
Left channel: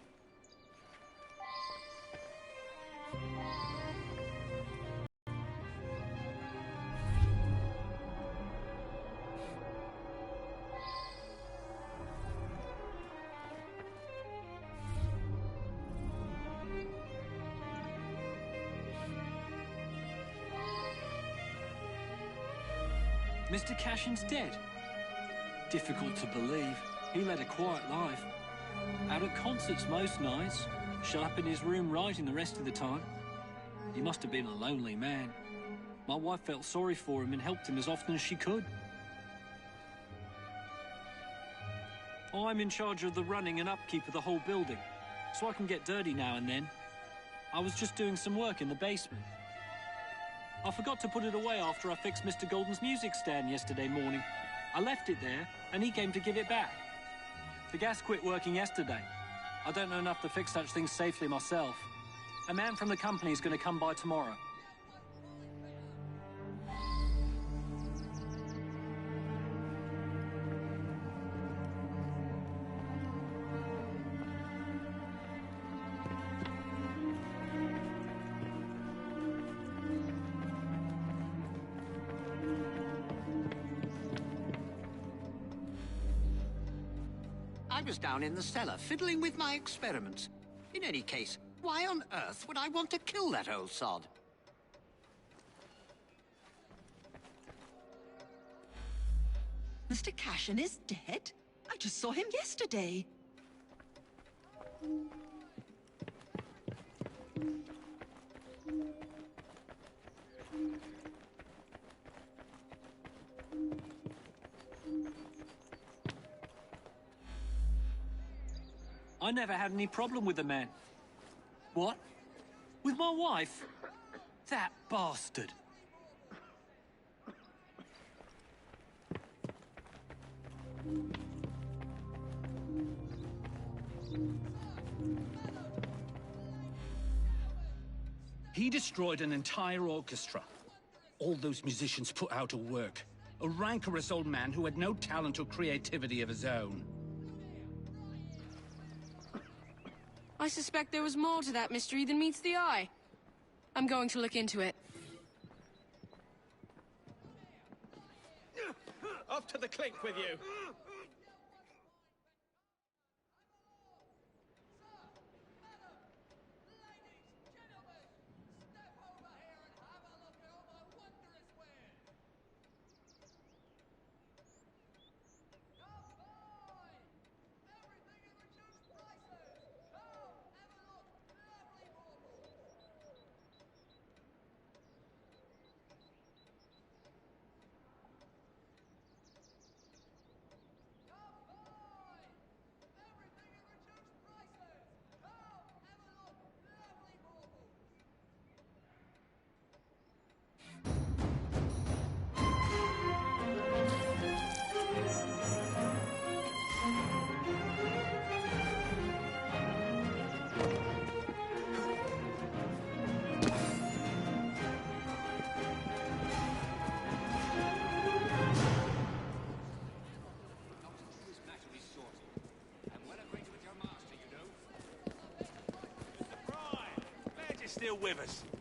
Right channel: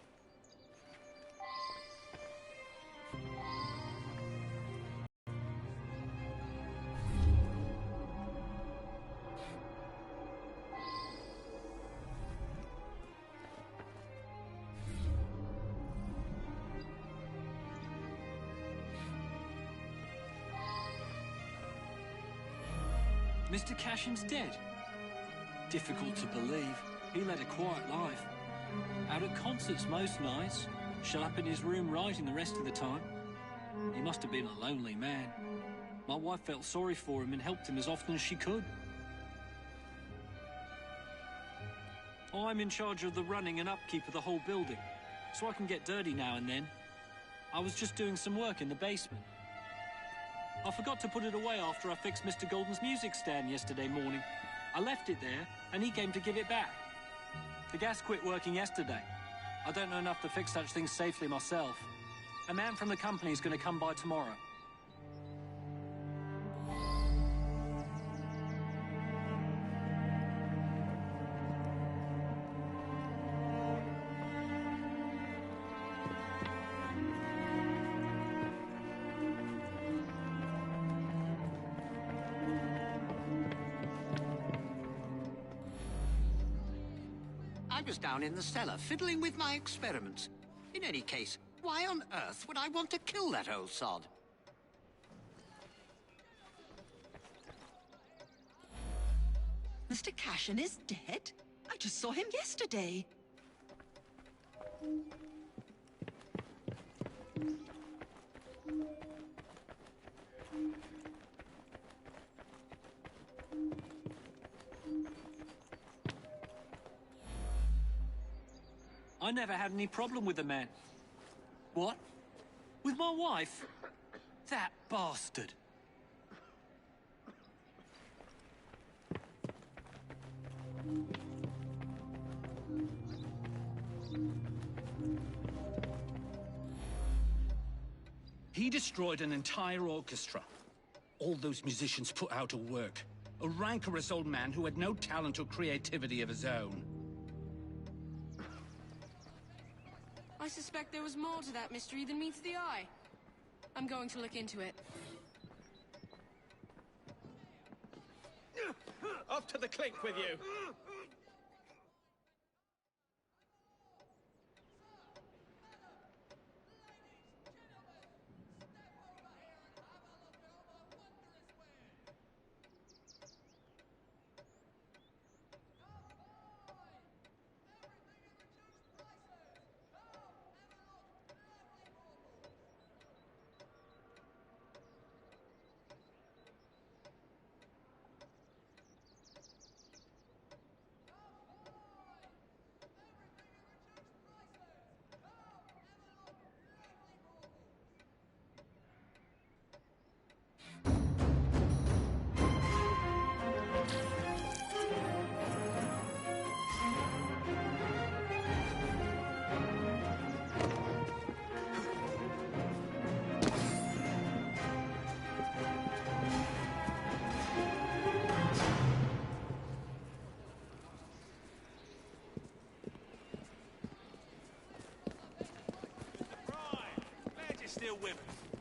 Mr. Cashin's dead. Difficult to believe. He led a quiet life. Out at concerts most nights, shut up in his room writing the rest of the time. He must have been a lonely man. My wife felt sorry for him and helped him as often as she could. I'm in charge of the running and upkeep of the whole building, so I can get dirty now and then. I was just doing some work in the basement. I forgot to put it away after I fixed Mr. Golden's music stand yesterday morning. I left it there, and he came to give it back. The gas quit working yesterday. I don't know enough to fix such things safely myself. A man from the company is going to come by tomorrow. I was down in the cellar, fiddling with my experiments. In any case, why on earth would I want to kill that old sod? Mr. Cashin is dead? I just saw him yesterday. I never had any problem with the man. What? With my wife? That bastard. He destroyed an entire orchestra. All those musicians put out of work. A rancorous old man who had no talent or creativity of his own. I suspect there was more to that mystery than meets the eye. I'm going to look into it. Off to the clink with you. Still with us.